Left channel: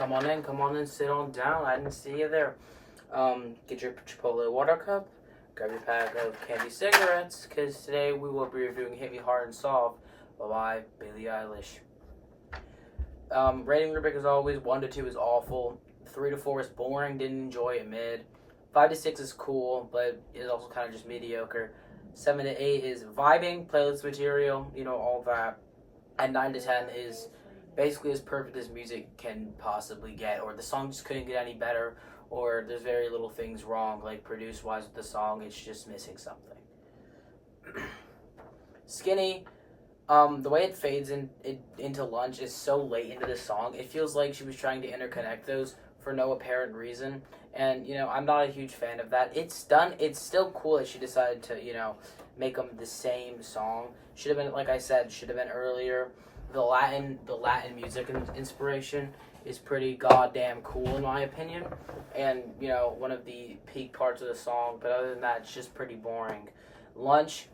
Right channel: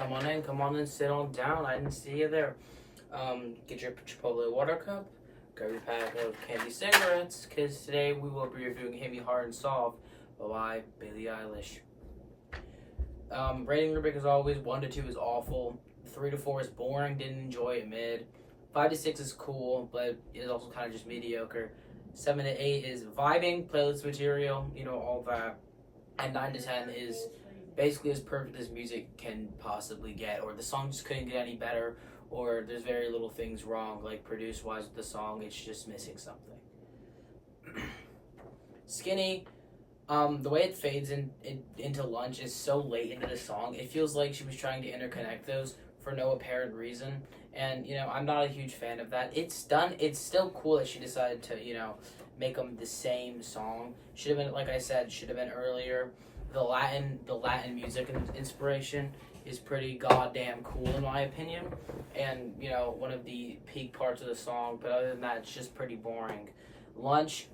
Come on in, sit on down. I didn't see you there. Get your Chipotle water cup, grab your pack of candy cigarettes, because today we will be reviewing Heavy, Hard, and Soft by Billie Eilish. Rating rubric as always, 1 to 2 is awful, 3 to 4 is boring, didn't enjoy it, mid. 5 to 6 is cool, but is also kind of just mediocre. 7 to 8 is vibing, playlist material, all that. And 9 to 10 is basically as perfect as music can possibly get, or the song just couldn't get any better, or there's very little things wrong, like produce-wise with the song, it's just missing something. Skinny, the way it fades into Lunch is so late into the song, it feels like she was trying to interconnect those for no apparent reason, and, I'm not a huge fan of that. It's still cool that she decided to, make them the same song. Should have been, like I said, should have been earlier. The Latin music inspiration is pretty goddamn cool in my opinion, and one of the peak parts of the song. But other than that, it's just pretty boring. Lunch,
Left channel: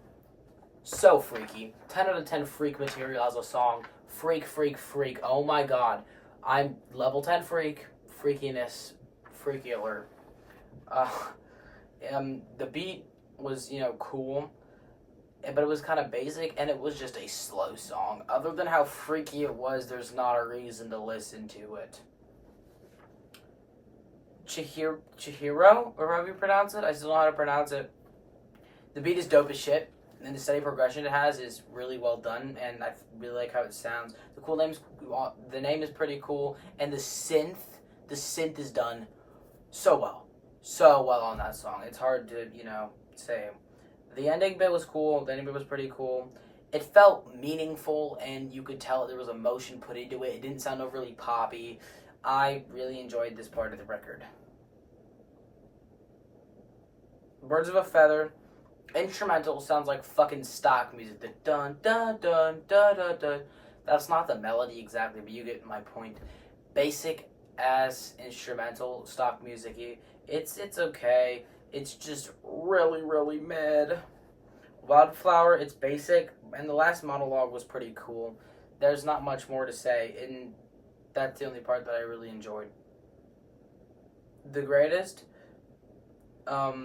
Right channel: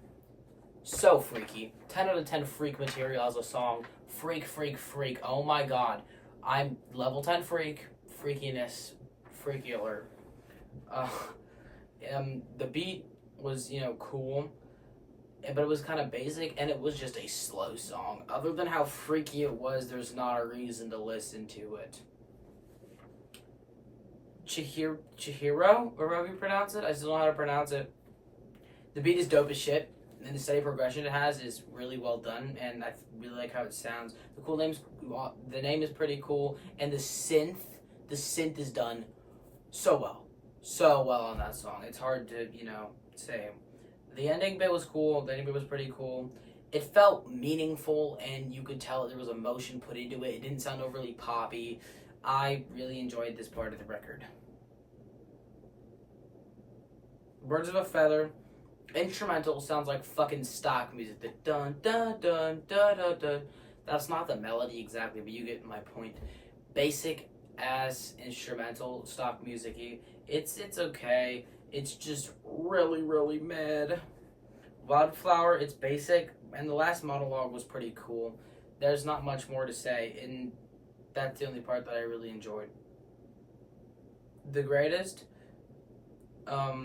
so freaky. 10 out of 10 freak material as a song. Freak, freak, freak. Oh my god, I'm level 10 freak. Freakiness, freaky alert. The beat was cool, but it was kind of basic, and it was just a slow song. Other than how freaky it was, there's not a reason to listen to it. Chihiro, or however you pronounce it, I still know how to pronounce it. The beat is dope as shit, and the steady progression it has is really well done, and I really like how it sounds. The name is pretty cool, and the synth is done so well on that song. It's hard to say. The ending bit was cool. The ending bit was pretty cool. It felt meaningful, and you could tell there was emotion put into it. It didn't sound overly poppy. I really enjoyed this part of the record. Birds of a Feather, instrumental, sounds like fucking stock music. The dun dun dun dun dun dun. That's not the melody exactly, but you get my point. Basic ass instrumental, stock music-y. It's okay. It's just really, really mid. Wildflower, it's basic, and the last monologue was pretty cool. There's not much more to say, and that's the only part that I really enjoyed. The Greatest, her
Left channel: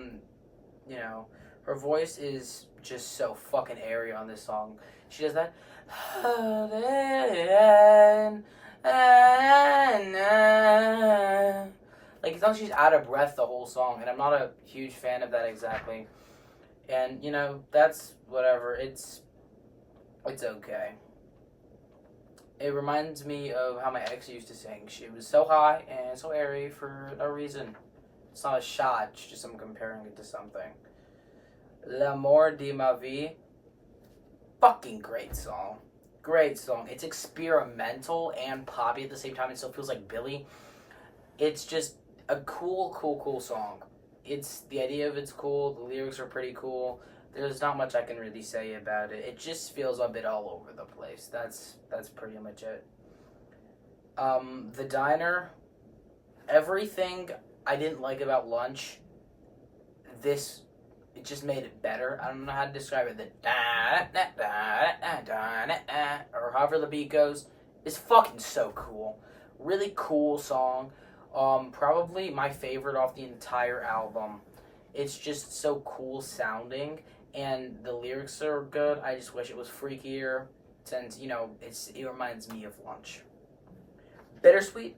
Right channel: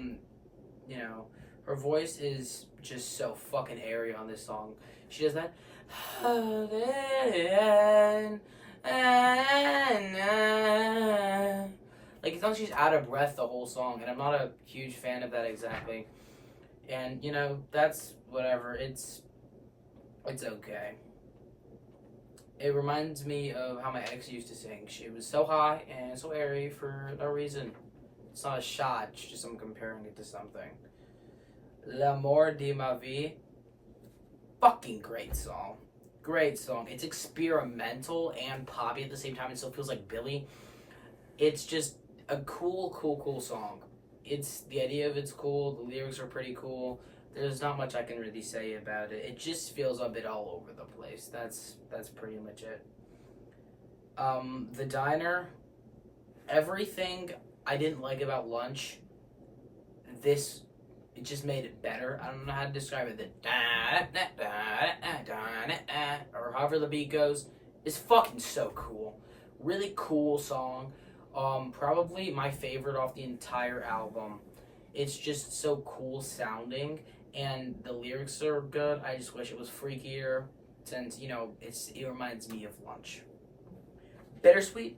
voice is just so fucking airy on this song. She does that. Like, it's not she's out of breath the whole song, and I'm not a huge fan of that exactly. And, that's whatever. It's okay. It reminds me of how my ex used to sing. She was so high and so airy for no reason. It's not a shot, it's just I'm comparing it to something. L'amour de ma vie. Fucking great song. Great song. It's experimental and poppy at the same time. It still feels like Billie. It's just a cool song. The idea of it's cool. The lyrics are pretty cool. There's not much I can really say about it. It just feels a bit all over the place. That's pretty much it. The Diner, everything I didn't like about Lunch, it just made it better. I don't know how to describe it. The or however the beat goes is fucking so cool. Really cool song. Probably my favorite off the entire album. It's just so cool sounding, and the lyrics are good. I just wish it was freakier, since, it reminds me of Lunch. Bittersweet,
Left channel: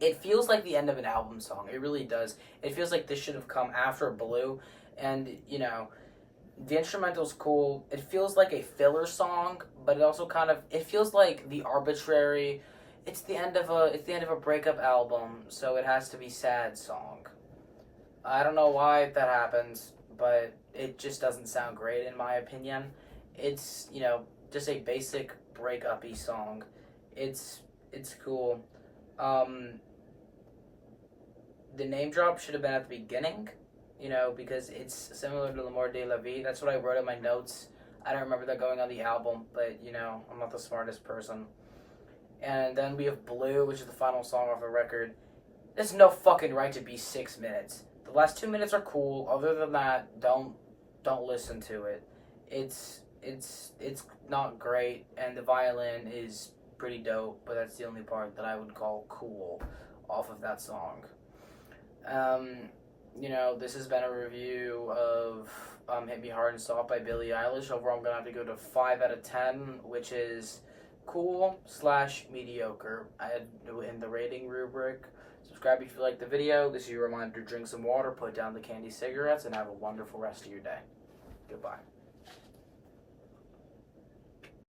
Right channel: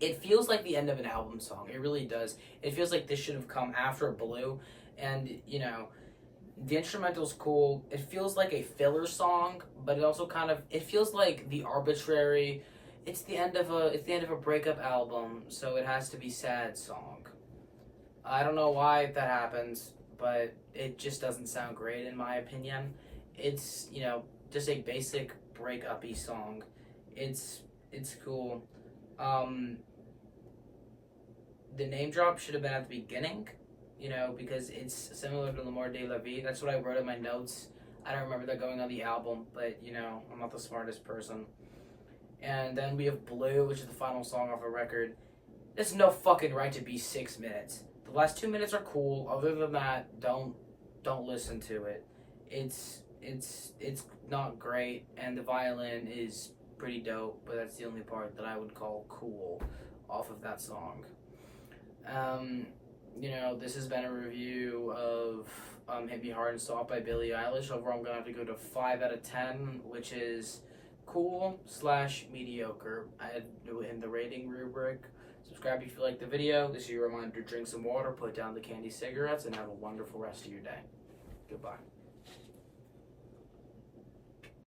it feels like the end of an album song. It really does. It feels like this should have come after Blue, and, the instrumental's cool. It feels like a filler song, but it also it feels like the arbitrary... It's the end of a breakup album, so it has to be sad song. I don't know why that happens, but it just doesn't sound great in my opinion. It's, just a basic breakup-y song. It's cool. The name drop should have been at the beginning, because it's similar to L'amour de la vie. That's what I wrote in my notes. I don't remember that going on the album, but, I'm not the smartest person. And then we have Blue, which is the final song off the record. There's no fucking right to be 6 minutes. The last 2 minutes are cool. Other than that, don't listen to it. It's not great, and the violin is pretty dope, but that's the only part that I would call cool off of that song. This has been a review of Hit Me Hard and Soft by Billie Eilish. Overall, I'm going to have to go to 5 out of 10, which is cool/mediocre in the rating rubric. Subscribe if you like the video. This is your reminder to drink some water, put down the candy cigarettes, and have a wonderful rest of your day. Goodbye.